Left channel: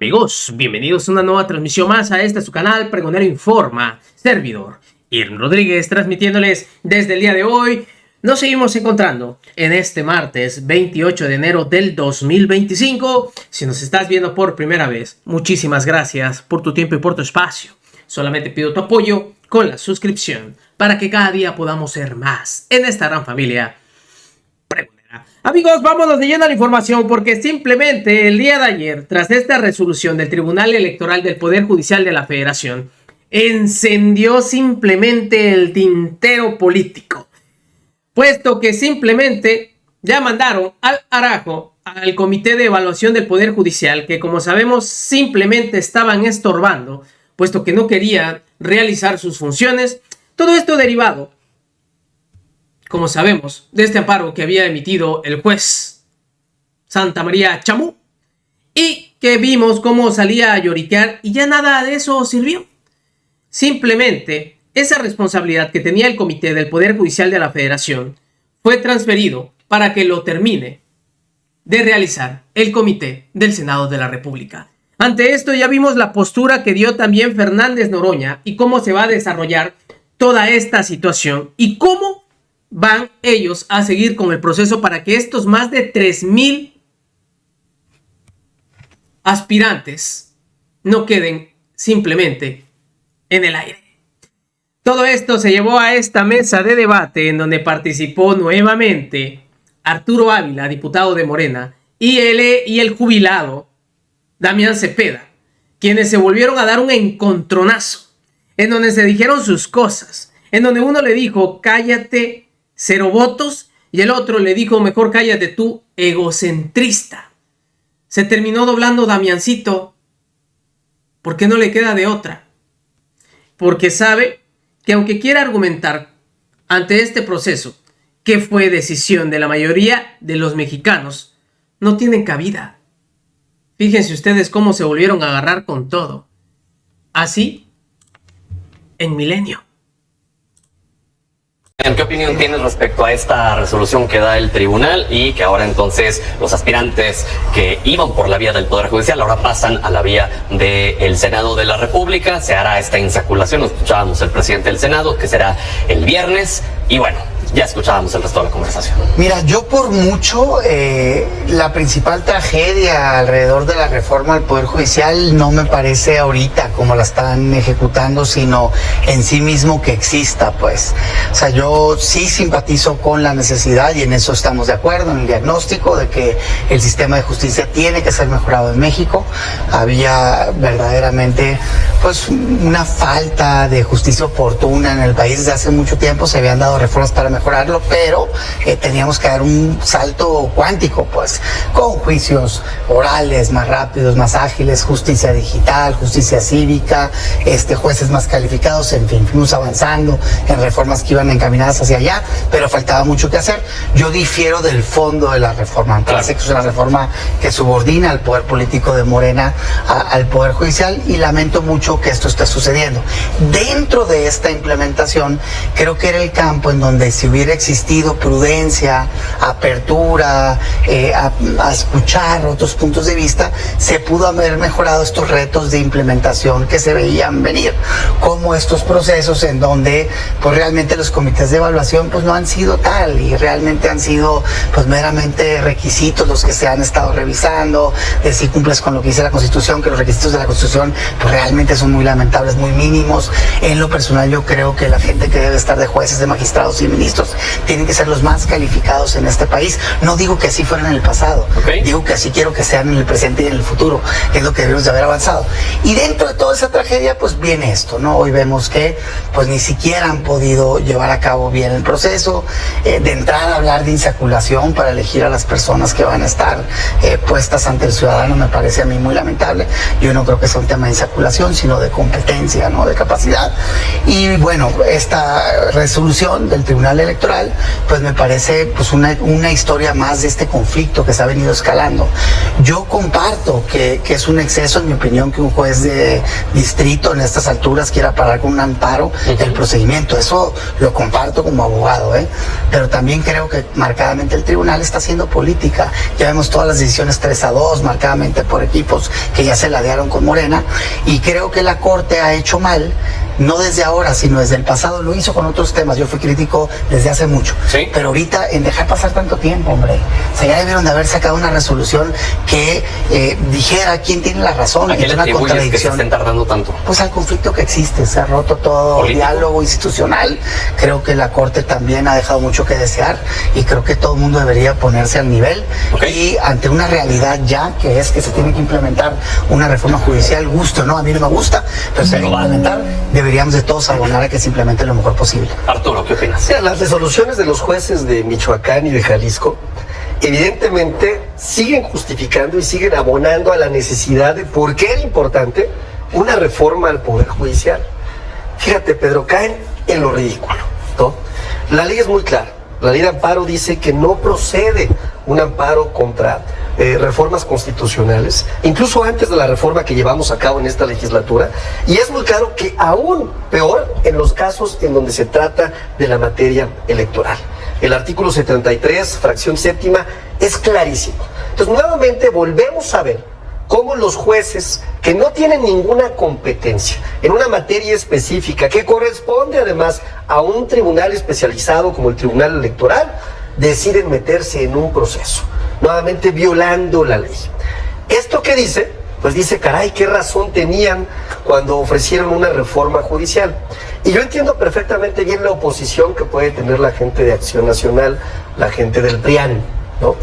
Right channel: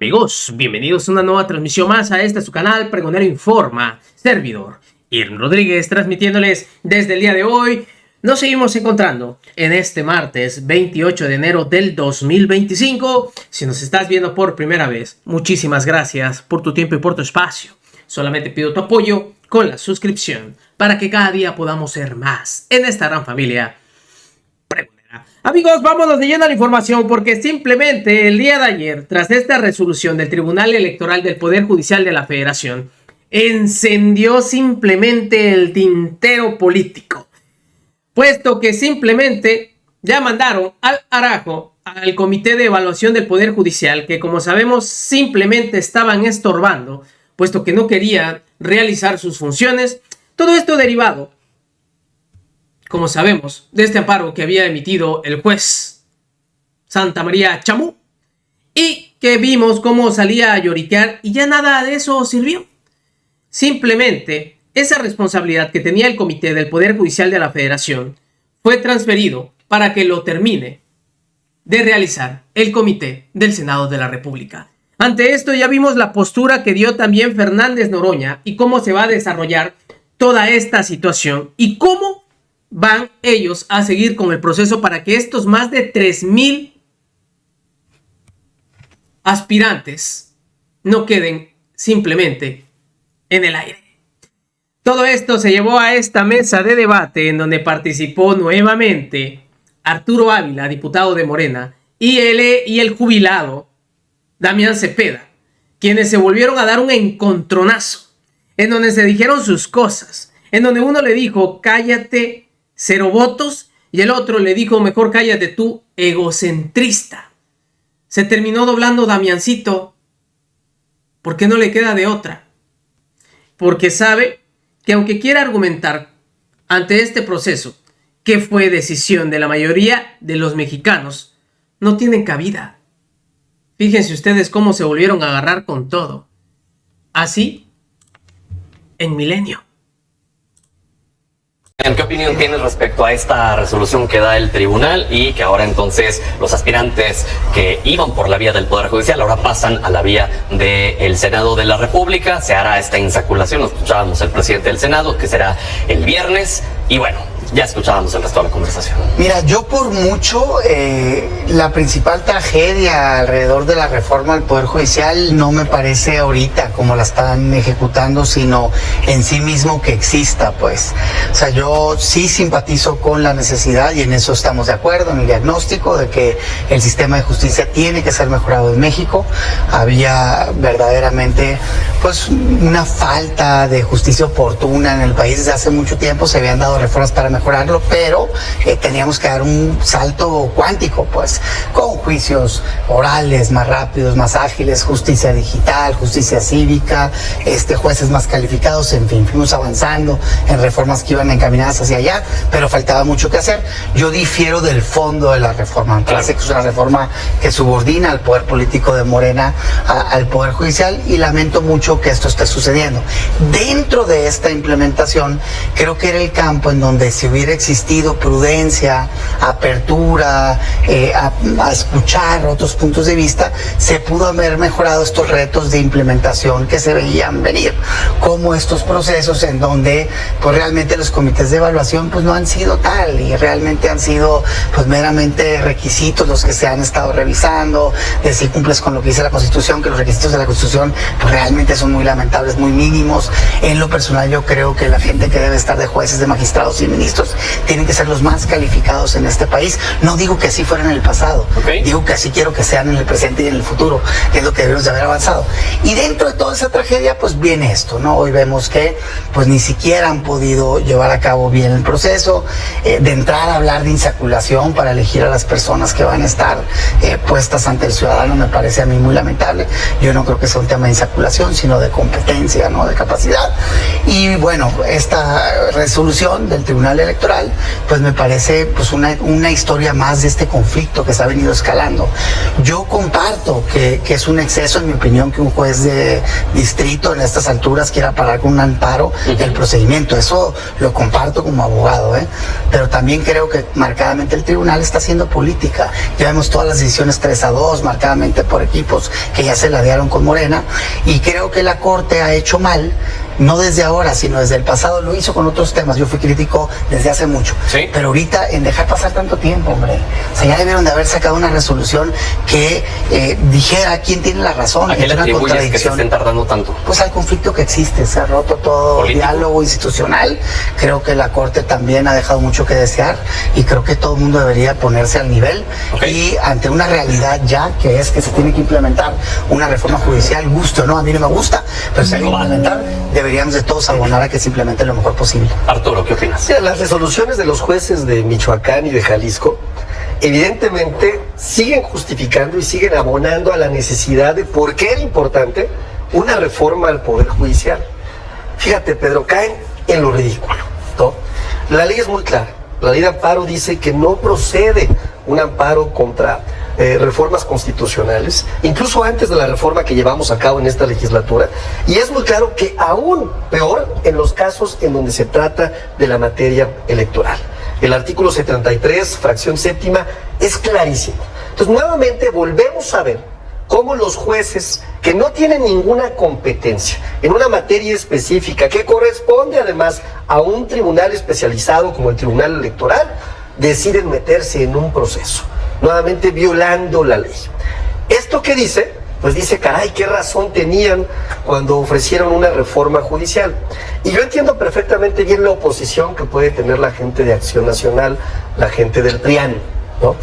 Amigos, bienvenidos a una nueva transmisión más a este su canal Pregonero Informa, servidor Irvin Rodríguez, transmitiéndoles desde el día de hoy. Nos seguimos encontrando en este martes 28 de enero del 2025. Si nos estás viendo por primera vez, muchísimas gracias por tu tiempo y por tu espacio. Solamente pido tu apoyo con la suscripción para que cada día podamos ser más en esta gran familia pregonera. Amigos, vámonos de lleno a la información porque simplemente el día de ayer, tras esta resolución del Tribunal Electoral del Poder Judicial de la Federación, encendió simplemente el tintero político, puesto que simplemente ya mandaron al arajo al Comité de Evaluación del Poder Judicial, que como sabemos simplemente estaban estorbando, puesto que no querían realizar sus funciones. Todo esto derivado, como sabemos, de este amparo que había emitido el juez Santa María Chamú, y que vimos cómo salía a lloriquear y ya nada de eso sirvió. Simplemente esa responsabilidad que tenía el Comité del Poder Judicial de la Federación fue transferido para que lo termine de realizar el Comité del Senado de la República. Ante esto ya vimos la postura que dio también Fernández Noroña y cómo se va a desarrollar toda esta situación y cómo van ellos a seguir con el proceso para que estos más de 3,000 aspirantes no queden simplemente en el aire. Todo esto se llevó a esta mesa de debate en donde participó nuevamente Arturo Ávila, diputado de Morena, y el jubilado Damián Cepeda, quienes se volvieron a dar un encontronazo, en donde se dijeron sus cosas, en donde uno le dijo, cállate, 0 votos, y el otro le dijo, mejor cállate tú, egocentrista. Se terminó doblando Damiancito, porque no le queda de otra, porque sabe que aunque quiera argumentar ante este proceso, que fue decisión de la mayoría de los mexicanos, no tienen cabida. Fíjense ustedes cómo se volvieron a agarrar con todo. Así, en Milenio. ¿Qué opinión tienes respecto a esta resolución que da el tribunal y que ahora entonces los aspirantes que iban por la vía del Poder Judicial ahora pasan a la vía del Senado de la República? Se hará esta insaculación, lo escuchábamos el presidente del Senado, que será el viernes, y bueno, ya escuchábamos el resto de la conversación. Mira, yo por mucho, la principal tragedia alrededor de la reforma del Poder Judicial no me parece ahorita como la están ejecutando, sino en sí mismo que exista, pues. O sea, yo sí simpatizo con la necesidad, y en eso estamos de acuerdo, en el diagnóstico de que el sistema de justicia tiene que ser mejorado en México. Había verdaderamente, pues, una falta de justicia oportuna en el país desde hace mucho tiempo. Se habían dado reformas para mejorarlo, pero teníamos que dar un salto cuántico, pues, con juicios orales más rápidos, más ágiles, justicia digital, justicia cívica, jueces más calificados, en fin, fuimos avanzando en reformas que iban encaminadas hacia allá, pero faltaba mucho que hacer. Yo difiero del fondo de la reforma. Me parece que es una reforma que subordina al poder político de Morena al Poder Judicial, y lamento mucho que esto esté sucediendo. Dentro de esta implementación, creo que era el campo en donde si hubiera existido prudencia, apertura, a escuchar otros puntos de vista, se pudo haber mejorado estos retos de implementación que se veían venir, como estos procesos en donde pues realmente los comités de evaluación pues no han sido tal, y realmente han sido pues meramente requisitos los que se han estado revisando, de si cumples con lo que dice la Constitución, que los requisitos de la Constitución pues realmente son muy lamentables, muy mínimos. En lo personal yo creo que la gente que debe estar de jueces, de magistrados y ministros tienen que ser los más calificados en este país. No digo que así fuera en el pasado, digo que así quiero que sean en el presente y en el futuro, que es lo que debemos de haber avanzado. Y dentro de toda esa tragedia pues viene esto, ¿no? Hoy vemos que pues ni siquiera han podido llevar a cabo bien el proceso. De entrada, hablar de insaculación para elegir a las personas que van a estar puestas ante el ciudadano me parece a mí muy lamentable. Yo no creo que sea un tema de insaculación, sino de competencia, ¿no? De capacidad. Y bueno, esta resolución del Tribunal electoral, pues me parece pues una historia más de este conflicto que se ha venido escalando. Yo comparto que es un exceso, en mi opinión, que un juez de distrito en estas alturas quiera parar con un amparo el procedimiento. Eso lo comparto como abogado, pero también creo que marcadamente el tribunal está haciendo política. Ya vemos todas las decisiones 3-2, marcadamente por equipos que ya se ladearon con Morena, y creo que la Corte ha hecho mal, no desde ahora, sino desde el pasado. Lo hizo con otros temas. Yo fui crítico desde hace mucho. ¿Sí? Pero ahorita, en dejar pasar tanto tiempo, hombre. O sea, ya debieron de haber sacado una resolución que dijera quién tiene la razón. ¿A qué le atribuyes que se estén tardando tanto? Pues al conflicto que existe. Se ha roto todo ¿Político? Diálogo institucional. Creo que la Corte también ha dejado mucho que desear, y creo que todo el mundo debería ponerse al nivel. Y ante una realidad ya que es que se tiene que implementar una reforma judicial, gusto o no, a mí no me gusta, pero se tiene que implementar, deberíamos de todos abonar a que se implemente lo mejor posible. Arturo, ¿qué opinas? Sí, las resoluciones de los jueces de Michoacán y de Jalisco evidentemente siguen justificando y siguen abonando a la necesidad de por qué era importante una reforma al Poder Judicial. Fíjate, Pedro, caen en lo ridículo, ¿no? La ley es muy clara. La ley de amparo dice que no procede un amparo contra reformas constitucionales, incluso antes de la reforma que llevamos a cabo en esta legislatura, y es muy claro que aún peor en los casos en donde se trata de la materia electoral. El artículo 73, fracción séptima, es clarísimo. Entonces, nuevamente volvemos a ver cómo los jueces que no tienen ninguna competencia en una materia específica que corresponde además a un tribunal especializado como el Tribunal Electoral, deciden meterse en un proceso, nuevamente violando la ley. ¿Esto qué dice? Pues dice, caray, qué razón tenían cuando ofrecieron una reforma judicial. Y yo entiendo perfectamente bien la oposición que puede tener la gente de Acción Nacional, la gente del PRIAN, ¿no?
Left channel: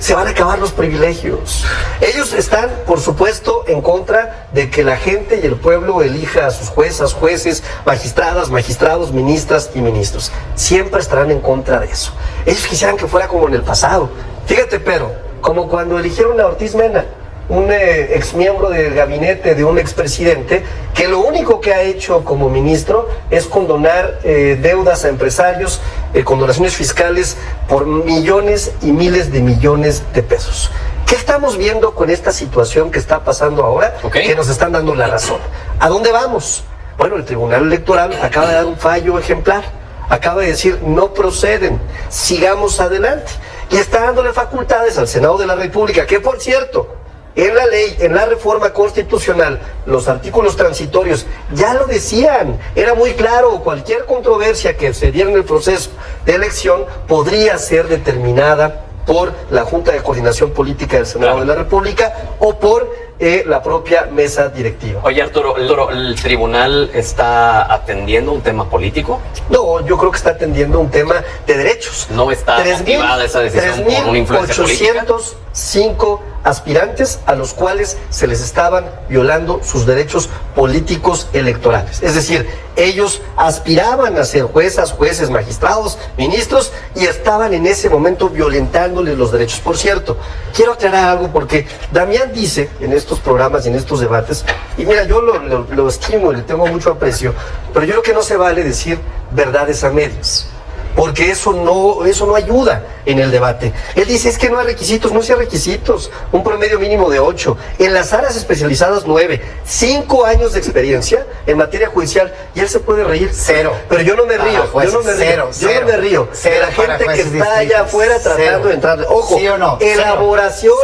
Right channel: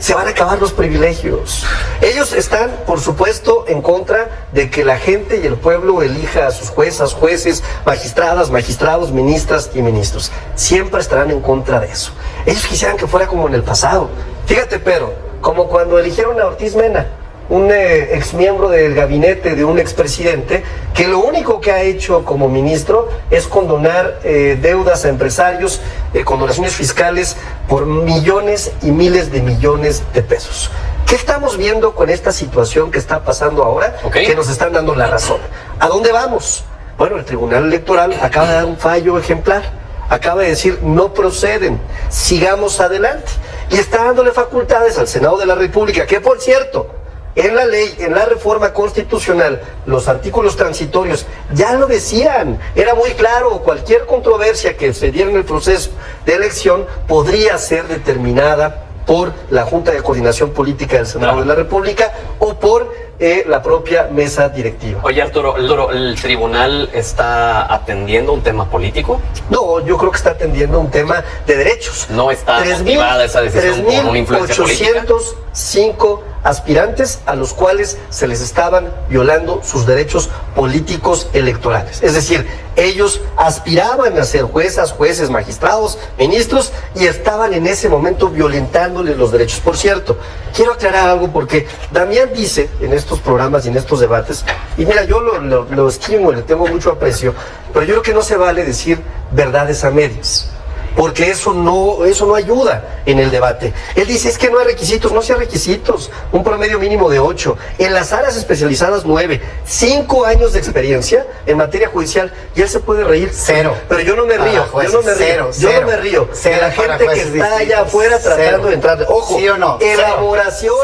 Se van a acabar los privilegios. Ellos están, por supuesto, en contra de que la gente y el pueblo elija a sus juezas, jueces, magistradas, magistrados, ministras y ministros. Siempre estarán en contra de eso. Ellos quisieran que fuera como en el pasado. Fíjate, Pedro, como cuando eligieron a Ortiz Mena, un exmiembro del gabinete de un expresidente, que lo único que ha hecho como ministro es condonar deudas a empresarios, condonaciones fiscales por millones y miles de millones de pesos. ¿Qué estamos viendo con esta situación que está pasando ahora? Que nos están dando la razón. ¿A dónde vamos? Bueno, el Tribunal Electoral acaba de dar un fallo ejemplar. Acaba de decir, no proceden, sigamos adelante. Y está dándole facultades al Senado de la República, que por cierto, en la ley, en la reforma constitucional, los artículos transitorios ya lo decían, era muy claro, cualquier controversia que se diera en el proceso de elección podría ser determinada por la Junta de Coordinación Política del Senado de la República o por la propia mesa directiva. Oye, Arturo, ¿el tribunal está atendiendo un tema político? No, yo creo que está atendiendo un tema de derechos. ¿No está motivada esa decisión por una influencia política? 3.805 aspirantes a los cuales se les estaban violando sus derechos políticos electorales. Es decir, ellos aspiraban a ser juezas, jueces, magistrados, ministros, y estaban en ese momento violentándoles los derechos. Por cierto, quiero aclarar algo porque Damián dice en estos programas y en estos debates, y mira, yo lo estimo y le tengo mucho aprecio, pero yo creo que no se vale decir verdades a medias, porque eso no ayuda en el debate. Él dice, es que no hay requisitos. No hay requisitos, un promedio mínimo de 8, en las áreas especializadas 9, 5 años de experiencia en materia judicial, y él se puede reír. 0. Pero yo no me río, yo no me río de la gente que está allá afuera tratando de entrar. Ojo, ¿sí o no? elaboración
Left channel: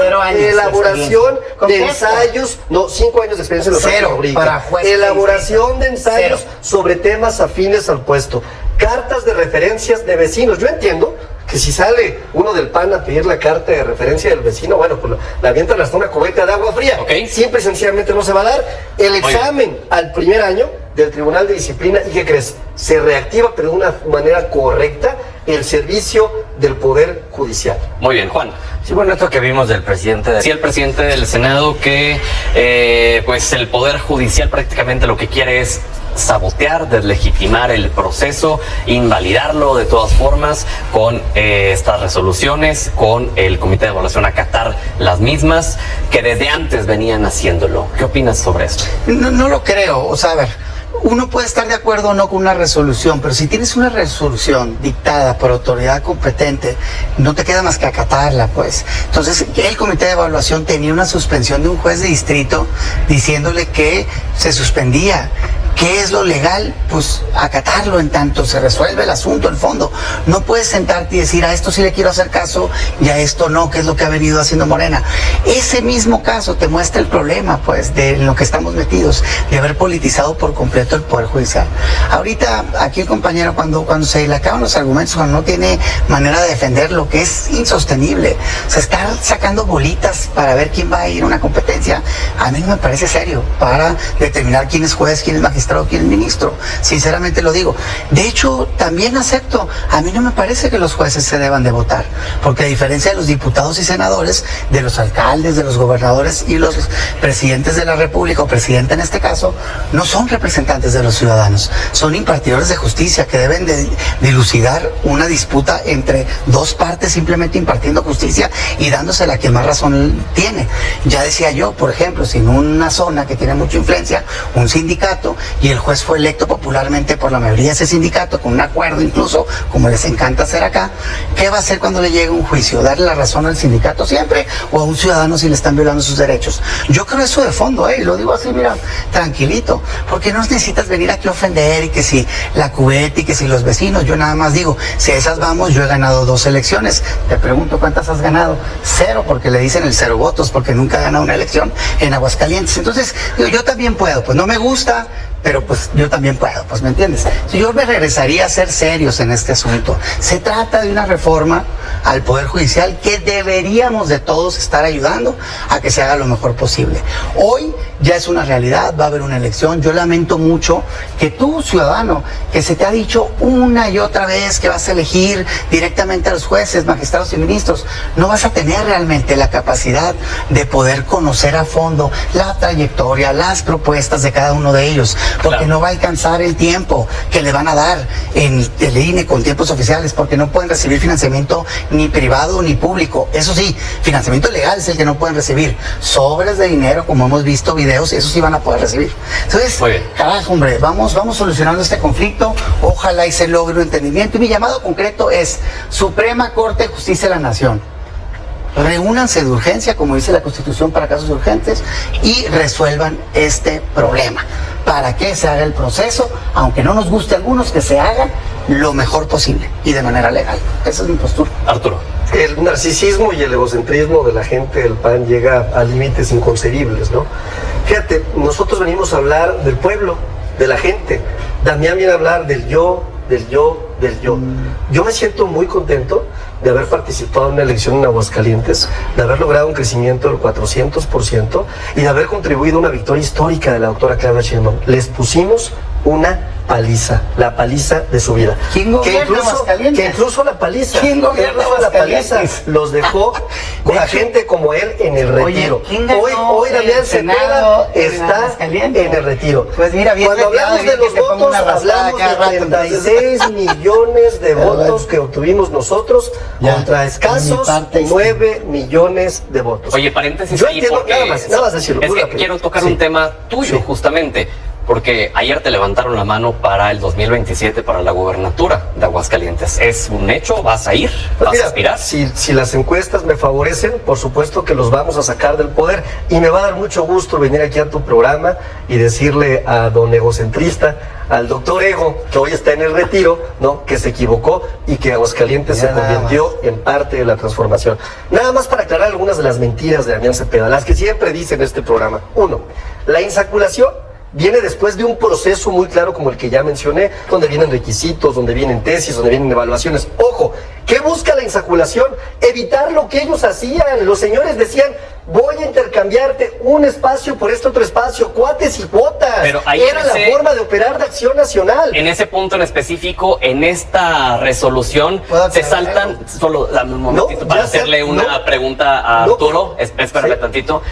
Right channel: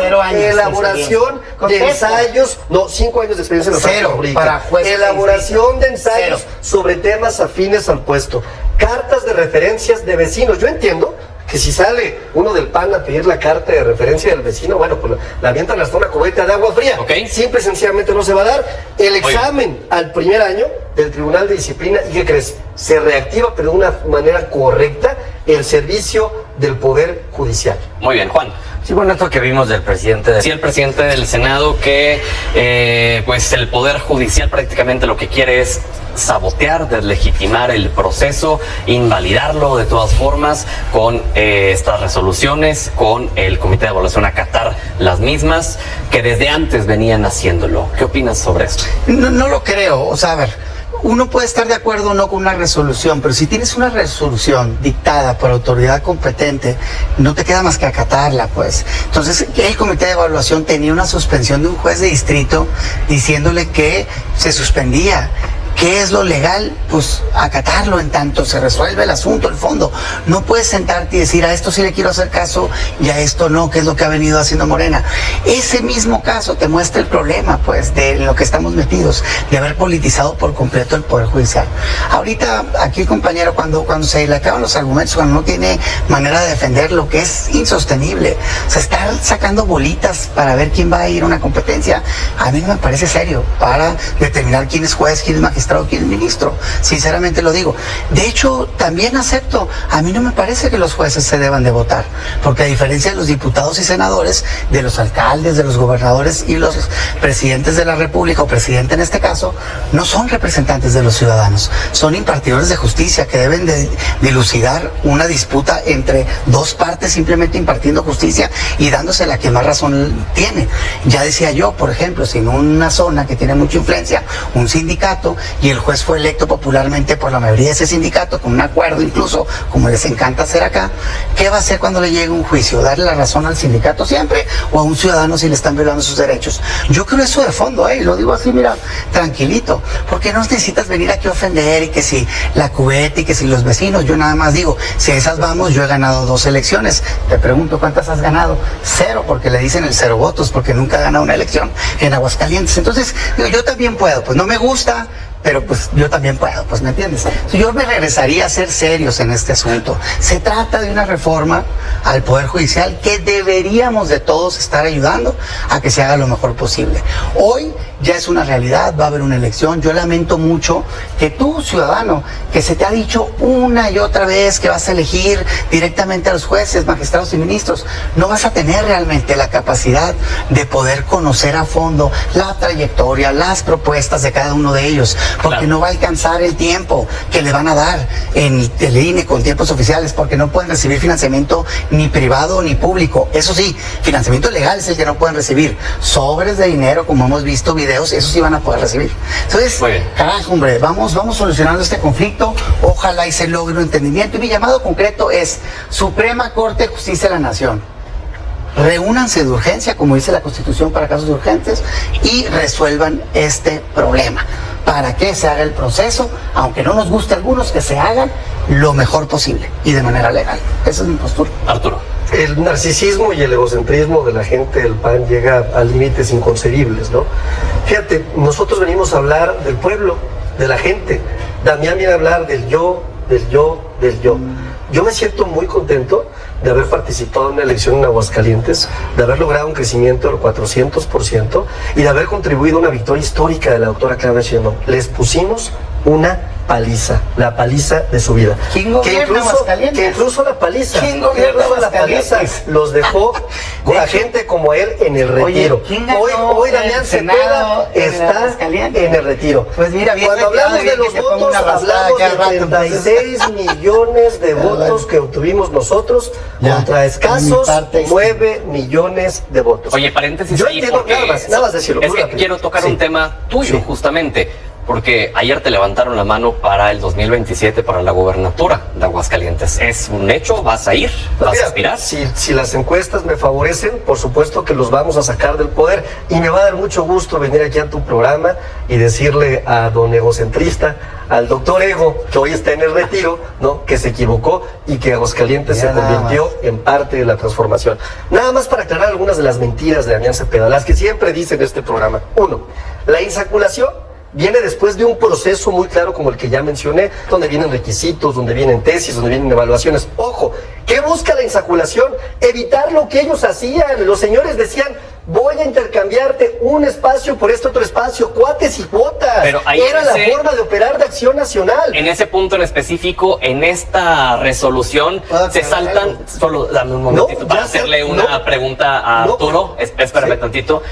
de ensayos, no, 5 años de experiencia en la práctica jurídica. Elaboración de ensayos sobre temas afines al puesto. Cartas de referencias de vecinos. Yo entiendo que si sale uno del PAN a pedir la carta de referencia del vecino, bueno, pues la avientan hasta una cubeta de agua fría. Simple y sencillamente no se va a dar. El examen al primer año del Tribunal de Disciplina, ¿y qué crees? Se reactiva, pero de una manera correcta, el servicio del Poder Judicial. Muy bien, Juan. Sí, bueno, esto que vimos del presidente... Sí, el presidente del Senado que, pues el Poder Judicial prácticamente lo que quiere es sabotear, deslegitimar el proceso, invalidarlo de todas formas con estas resoluciones, con el Comité de Evaluación acatar las mismas que desde antes venían haciéndolo. ¿Qué opinas sobre esto? No lo creo. O sea, a ver, uno puede estar de acuerdo o no con una resolución, pero si tienes una resolución dictada por autoridad competente, no te queda más que acatarla, pues. Entonces, el comité de evaluación tenía una suspensión de un juez de distrito diciéndole que se suspendía. ¿Qué es lo legal? Pues acatarlo en tanto se resuelve el asunto, el fondo. No puedes sentarte y decir, a esto sí le quiero hacer caso y a esto no, que es lo que ha venido haciendo Morena. Ese mismo caso te muestra el problema, pues, de lo que estamos metidos, de haber politizado por completo el Poder Judicial. Ahorita, aquí el compañero, cuando se le acaban los argumentos, cuando no tiene manera de defenderlo, que es insostenible. O sea, estar sacando bolitas para ver quién va a ir a una competencia, a mí no me parece serio, para determinar quién es juez, quién es magistrado, quién es ministro. Sinceramente lo digo. De hecho, también acepto, a mí no me parece que los jueces se deban de votar, porque a diferencia de los diputados y senadores, de los alcaldes, de los gobernadores y los presidentes de la República, o presidente en este caso, no son representantes de los ciudadanos, son impartidores de justicia que deben de dilucidar una disputa entre dos partes, simplemente impartiendo justicia y dándose la que más razón tiene. Ya decía yo, por ejemplo, si en una zona que tiene mucha influencia, un sindicato, y el juez fue electo popularmente por la mayoría de ese sindicato, con un acuerdo incluso, como les encanta hacer acá, ¿qué va a hacer cuando le llegue un juicio? ¿Darle la razón al sindicato siempre o a un ciudadano si le están violando sus derechos? Yo creo eso de fondo, lo digo así, mira, tranquilito, porque no necesitas venir aquí a ofender y que si la cubeta y que si los vecinos. Yo nada más digo, si a esas vamos, yo he ganado 2 elecciones. Te pregunto, ¿cuántas has ganado? 0, porque le dicen el 0 votos, porque nunca ha ganado una elección en Aguascalientes. Entonces, digo, yo también puedo, pues no me gusta, pero pues yo también puedo, pues me entiendes. Yo me regresaría a ser serios en este asunto. Se trata de una reforma al Poder Judicial que deberíamos de todos estar ayudando a que se haga lo mejor posible. Hoy ya es una realidad, va a haber una elección. Yo lamento mucho que tú, ciudadano, que se te ha dicho una y otra vez que vas a elegir directamente a los jueces, magistrados y ministros, no vas a tener realmente la capacidad de poder conocer a fondo la trayectoria, las propuestas de cada uno de ellos, porque claro, no va a alcanzar el tiempo que le van a dar en el INE con tiempos oficiales, porque no pueden recibir financiamiento ni privado ni público. Eso sí, financiamiento legal es el que no pueden recibir. Sobres de dinero, como hemos visto videos, eso sí van a poder recibir. Entonces, carajo, hombre, vamos solucionando este conflicto. Ojalá y se logre un entendimiento. Y mi llamado concreto es Suprema Corte de Justicia de la Nación. Reúnanse de urgencia, como dice la Constitución, para casos urgentes y resuelvan este problema. Para que se haga el proceso, aunque no nos guste a algunos, que se haga lo mejor posible y de manera legal. Esa es mi postura. Arturo. El narcisismo y el egocentrismo de la gente del PAN llega a límites inconcebibles, ¿no? Fíjate, nosotros venimos a hablar del pueblo, de la gente. Damián viene a hablar del yo, del yo, del yo. Yo me siento muy contento de haber participado en una elección en Aguascalientes, de haber logrado un crecimiento del 400% y de haber contribuido a una victoria histórica de la doctora Claudia Sheinbaum. Les pusimos una paliza, la paliza de su vida. ¿Quién gobierna Aguascalientes? Que incluso la paliza, ¿quién gobierna Aguascalientes? Los dejó con la gente como él en el retiro. Hoy Damián Cepeda está en el retiro. Pues mira, cuando hablamos de los votos, hablamos de 36 millones de votos que obtuvimos nosotros contra escasos 9 millones de votos. Oye, paréntesis yo ahí, entiendo, porque nada más decirlo. Es que quiero tocar un tema tuyo, justamente. Porque ayer te levantaron la mano para el 2027, para la gobernatura de Aguascalientes. ¿Es un hecho? ¿Vas a ir? ¿Vas a aspirar? Si las encuestas me favorecen, por supuesto que los vamos a sacar del poder. Y me va a dar mucho gusto venir aquí a tu programa y decirle a don egocentrista, al doctor Ego, que hoy está en el retiro, ¿no?, que se equivocó y que Aguascalientes se convirtió en parte de la transformación. Nada más para aclarar algunas de las mentiras de Damián Cepeda, las que siempre dice en este programa. 1, la insaculación viene después de un proceso muy claro como el que ya mencioné, donde vienen requisitos, donde vienen tesis, donde vienen evaluaciones. Ojo, ¿qué busca la insaculación? Evitar lo que ellos hacían. Los señores decían, voy a intercambiarte un espacio por este otro espacio, cuates y cuotas. Pero ahí era la forma de operar de Acción Nacional. En ese punto en específico, en esta resolución, se saltan, solo dame un momentito para hacerle una pregunta a Arturo, espérame tantito.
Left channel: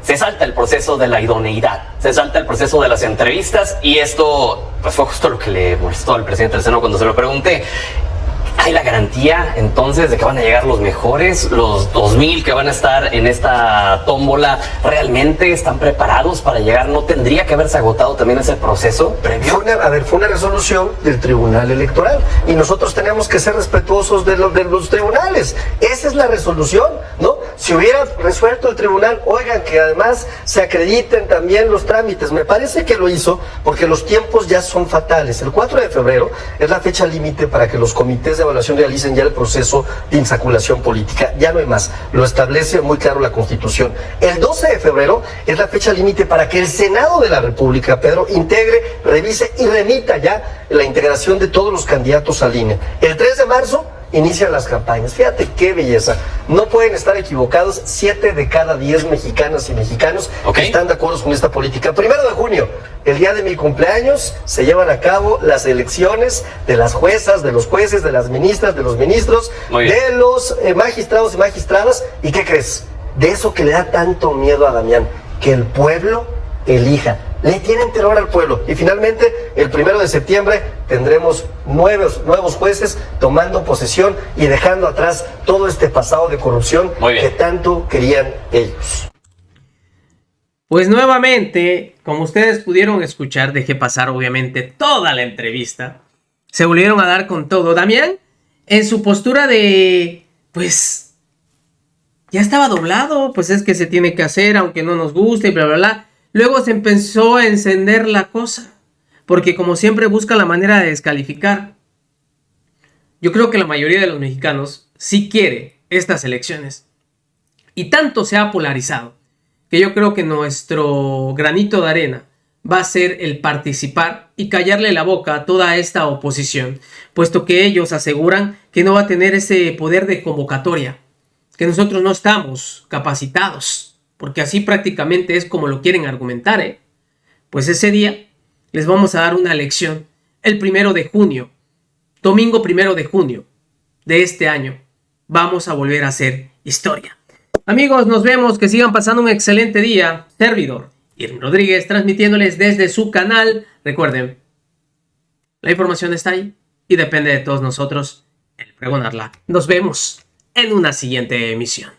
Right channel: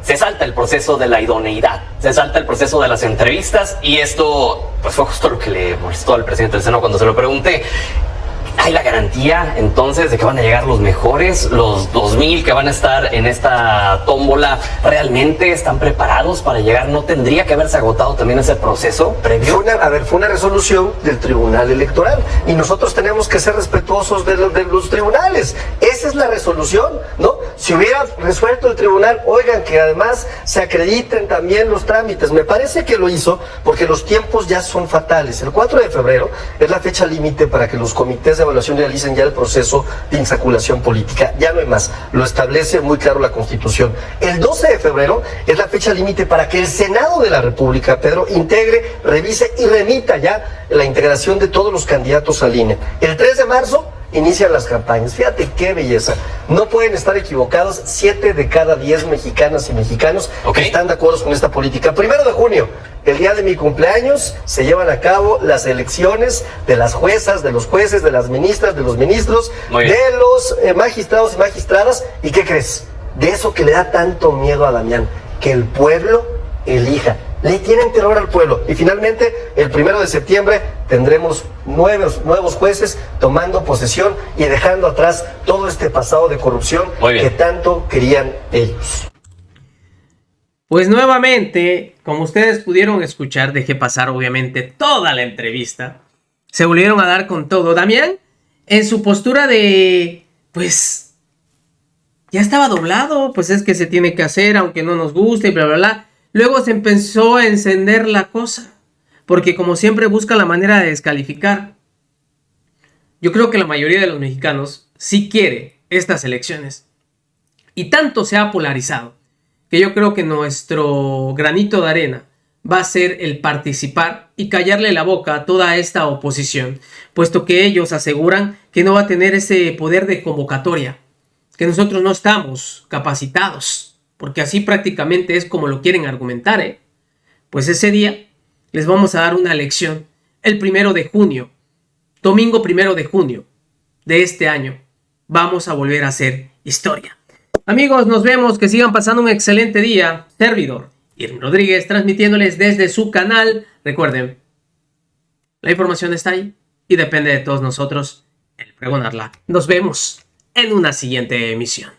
Se salta el proceso de la idoneidad, se salta el proceso de las entrevistas y esto pues fue justo lo que le molestó al presidente del Senado cuando se lo pregunté. ¿hay la garantía entonces de que van a llegar los mejores, los 2000 que van a estar en esta tómbola? ¿Realmente están preparados para llegar? ¿No tendría que haberse agotado también ese proceso previo? Fue una resolución del Tribunal Electoral y nosotros tenemos que ser respetuosos de los tribunales. Esa es la resolución, ¿no? Si hubiera resuelto el tribunal, oigan, que además se acrediten también los trámites. Me parece que lo hizo porque los tiempos ya son fatales. El 4 de febrero es la fecha límite para que los comités de evaluación realicen ya el proceso de insaculación política. Ya no hay más. Lo establece muy claro la Constitución. El 12 de febrero es la fecha límite para que el Senado de la República, Pedro, integre, revise y remita ya la integración de todos los candidatos al INE. El 3 de marzo inician las campañas. Fíjate qué belleza. No pueden estar equivocados 7 de cada 10 mexicanas y mexicanos que están de acuerdo con esta política. 1 de junio, el día de mi cumpleaños, se llevan a cabo las elecciones de las juezas, de los jueces, de las ministras, de los ministros, de los magistrados y magistradas. ¿Y qué crees? De eso que le da tanto miedo a Damián, que el pueblo elija. Le tienen terror al pueblo. Y finalmente, el 1 de septiembre, tendremos nuevos jueces tomando posesión y dejando atrás todo este pasado de corrupción que tanto querían ellos. Pues nuevamente, como ustedes pudieron escuchar, dejé pasar obviamente toda la entrevista. Se volvieron a dar con todo. Damián, en su postura de, pues, ya estaba doblado, pues es que se tiene que hacer, aunque no nos guste, y bla, bla, bla. Luego se empezó a encender la cosa, porque como siempre busca la manera de descalificar. Yo creo que la mayoría de los mexicanos sí quiere estas elecciones. Y tanto se ha polarizado, que yo creo que nuestro granito de arena va a ser el participar y callarle la boca a toda esta oposición, puesto que ellos aseguran que no va a tener ese poder de convocatoria, que nosotros no estamos capacitados. Porque así prácticamente es como lo quieren argumentar, ¿eh? Pues ese día les vamos a dar una lección. El 1 de junio, domingo 1 de junio de este año, vamos a volver a hacer historia. Amigos, nos vemos, que sigan pasando un excelente día. Servidor Irving Rodríguez, transmitiéndoles desde su canal. Recuerden, la información está ahí y depende de todos nosotros el pregonarla. Nos vemos en una siguiente emisión.